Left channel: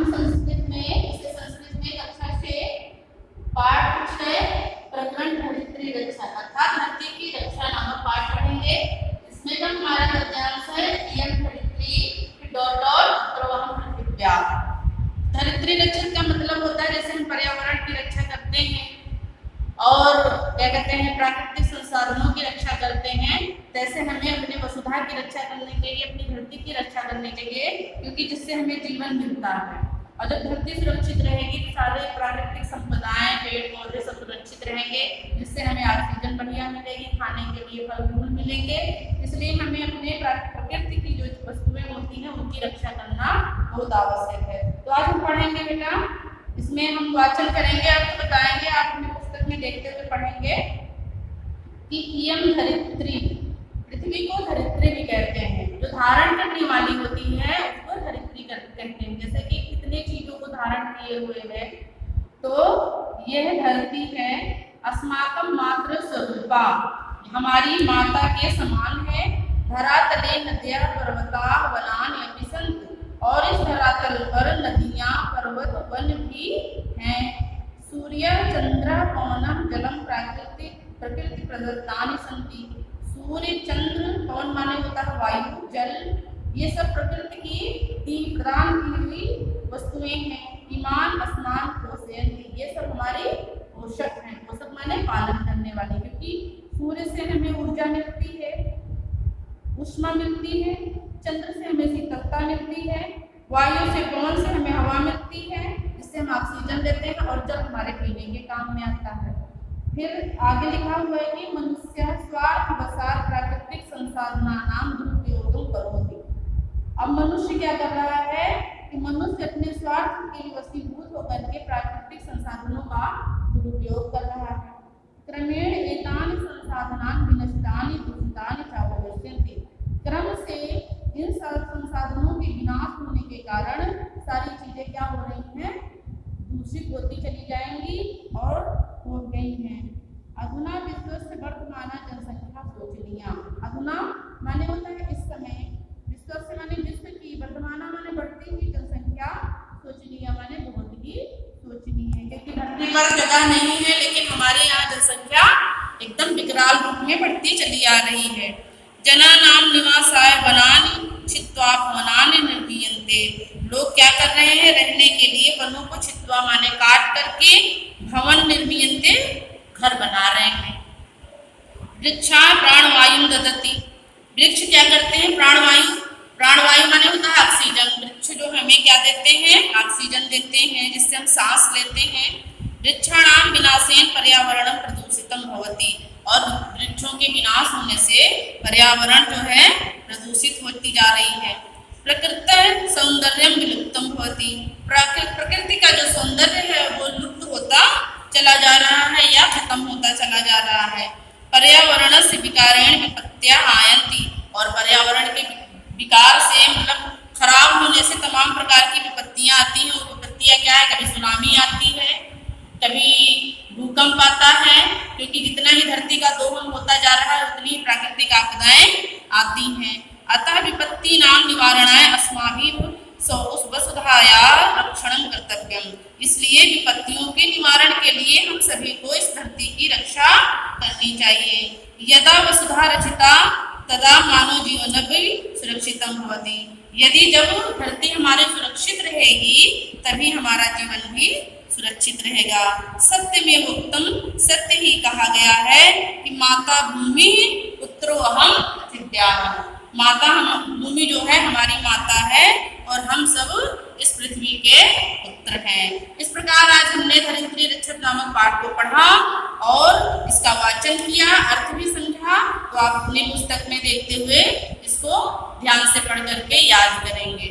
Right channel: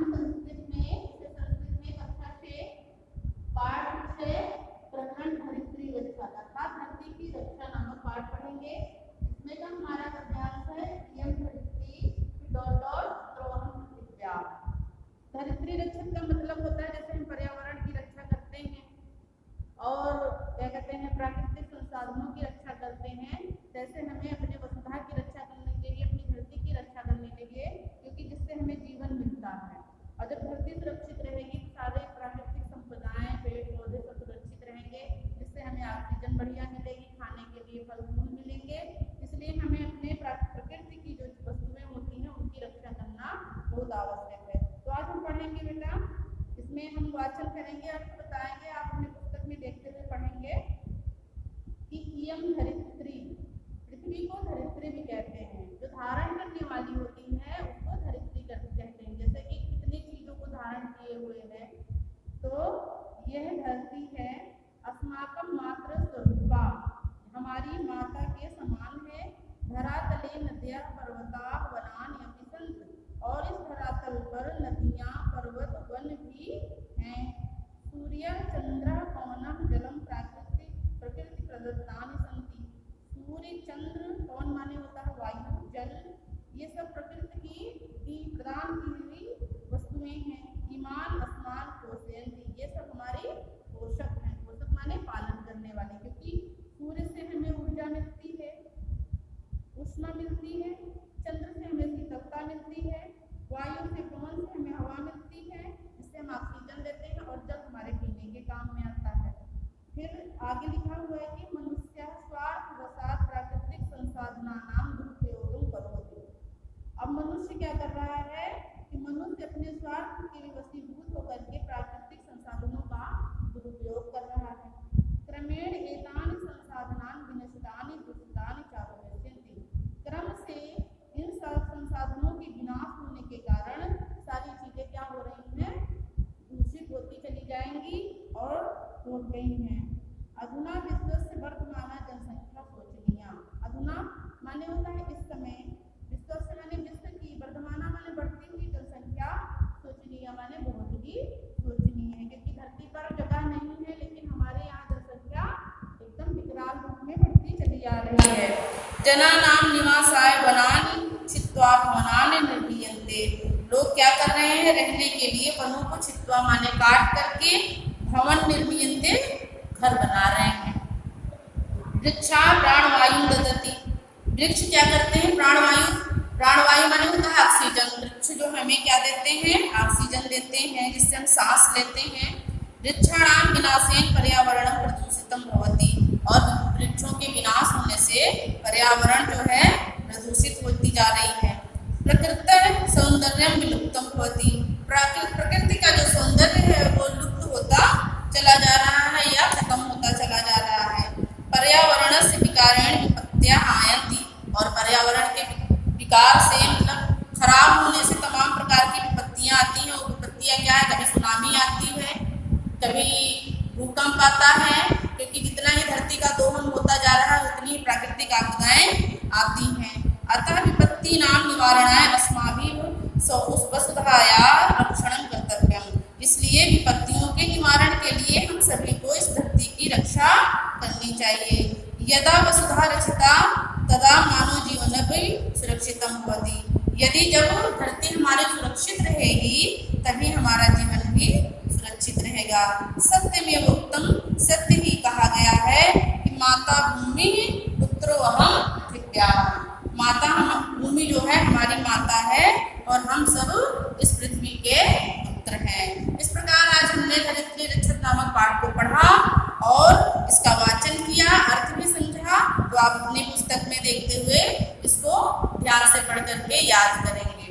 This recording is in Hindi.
हम संस्कृत में कक्षा 6 पाठ 6 प्रकरण धरित्री रक्षा अर्थात धरती की रक्षा नामक पाठ पढ़ेंगे। इसमें का हमारा गद्यांश है इयं धरित्री डॉट डॉट प्रवाहम पृथिव्या। धरित्री रक्षा का मतलब होता है जैसे हम पर्यावरण की रक्षा करते हैं और क्या कहते हैं प्राकृतिक संसाधनों की रक्षा करते हैं, तैसे हमें अपने वसुधा की रक्षा करने के लिए, अपनी धरती की रक्षा करने के लिए, क्योंकि जिससे हमें जीवन मिलता है। और जब धरती सुरक्षित रहेगी तो सारे प्राकृतिक संपदाएं, पेड़ पौधे सब सुरक्षित रहेंगे, जिससे हमें ऑक्सीजन बढ़िया मिलेगी, खाने के लिए फल फूल मिलेंगे। इसलिए हमें अपने प्रकृति की जो वस्तुएं होती हैं उनकी रक्षा करना बहुत आवश्यक है। तो आज हम पढ़ेंगे बेटा, इसमें हम वाचन करेंगे, आपको बताएंगे, आप अपने पुस्तक में देखते हुए पढ़ेंगे कि इयं धरित्री, पृथ्वी को धरित्री भी कहते हैं, जो धारण करने वाली होती है उसको धरित्री कहते हैं। जैसे कि कितने चीजों को धारण किए हुए है, तो यह धरती है अस्माकं मातृ स्वरूपा, हमारी माता के समान है। धरातले नद्यः पर्वताः वनानि अपि सन्ति, और इस धरातल पर नदियां पर्वत वन भी हैं। सूर्य चंद्र पवनम जलम प्रकृति प्रदत्तानि सन्ति, सूर्य चंद्र पवन माने होता है वायु जल, ये सब प्रकृति की प्रदान की हुई वस्तुएं हैं। ईमान स्नान पोषयन्ति, ये सब हमारे पोषक हैं। पोषक माने पालन करने वाले, क्योंकि सूर्य से हमें ऊर्जा मिलती है, उष्मा मिलती है, चंद्र से हमें शीतलता मिलती है, वायु से पवन से हमें हवा मिलती है, जिससे हम ऑक्सीजन लेते हैं, और जल हमारे पीने के काम में आता है। फिर आगे लिखा हुआ है कि मनुष्य स्वार्थवशात् प्राकृतिक संसाधनानां दुरुपयोगं करोति। अब मनुष्य क्या कर रहा है कि मनुष्य अपने स्वार्थ के वशीभूत होकर के प्राकृतिक संसाधनों का दुरुपयोग कर रहा है। क्रमेण एतानि संसाधनानि विनष्टानि दूषितानि च भविष्यन्ति, क्रम से इन संसाधनों के विनाश होने के कारण सारी चीजें क्या हो रही हैं, दूषित होती चली जाएंगी और हो गई हैं। अधुना विश्वस्य वर्तमान जनसंख्या शोचनीया, अधुना माने होता है इस समय, विश्वस्य माने विश्व की, वर्तमान माने बढ़ती हुई जनसंख्या, शोचनीय माने बहुत ही शोचनीय है, क्योंकि धरती पर जगह नहीं है, लेकिन हमारे यहाँ जनसंख्या एकदम विकराल रूप में बढ़ती चली आ रही है। जनानां निवासाय वनानि छित्त्वा भवनानि निर्मीयन्ते, लोग क्या कर रहे हैं, रहने के लिए वनों को छित्त्वा माने काट करके भवन निर्मीयन्ते, घर बना रहे हैं। वृक्षा प्राणवायु ददति, वृक्ष क्या करते हैं, प्राणवायु, प्राणवायु माने होता है ऑक्सीजन, वृक्ष जो हमें क्या देते हैं, ऑक्सीजन देते हैं, जिससे हम सांस लेते हैं। वृक्षाणां विनाशेन पर्यावरणं प्रदूषितं भवति, और वृक्षों के विनाश होने से पर्यावरण जो है प्रदूषित होती जा रही है। प्रकृति सौंदर्यम विलुप्तम भवति, प्रकृति का जो सौंदर्य है वो लुप्त होता चला जा रहा है या खत्म होता चला जा रहा है। पर्यावरणस्य विकारेण विपत्त्याः आयन्ति, और पर्यावरण के विकार से मतलब खराब होने से तमाम प्रकार की विपत्तियां आती हैं। वो विपत्तियां क्या है, कभी सुनामी आती है, कभी भूकंप आता है, क्योंकि जितना ही धरती का दोहन होता जा रहा है उतनी ही प्राकृतिक आपदाएं आती हैं। अतः विपत्ति नाम निवारणाय अस्माभिः वसुधाया रक्षणं कर्तव्यम, इसलिए विपत्तियों के निवारण के लिए हम सभी को इस धरती की रक्षा करनी चाहिए। यदा वसुधा रचिता तदा मानव जीवन भी सुरक्षितम भवति, यदि जब धरती हमारे सुरक्षित रहेगी तभी हमारा जीवन भी सुरक्षित रहेगा। सत्य में उत्तम, सत्य ही कहा गया है कि माता भूमि पुत्रो अहम पृथिव्याः, माता हम, भूमि जो है हमारी माता है और हम सब इस पृथ्वी के पुत्र हैं। इस प्रकार आज हमने धरित्री रक्षक नामक पाठ को पढ़ा और इसका वाचन किया, अर्थ भी समझा। तो आप अपनी पुस्तक में देखते हुए इसको ध्यान से पढ़ करके याद करेंगे।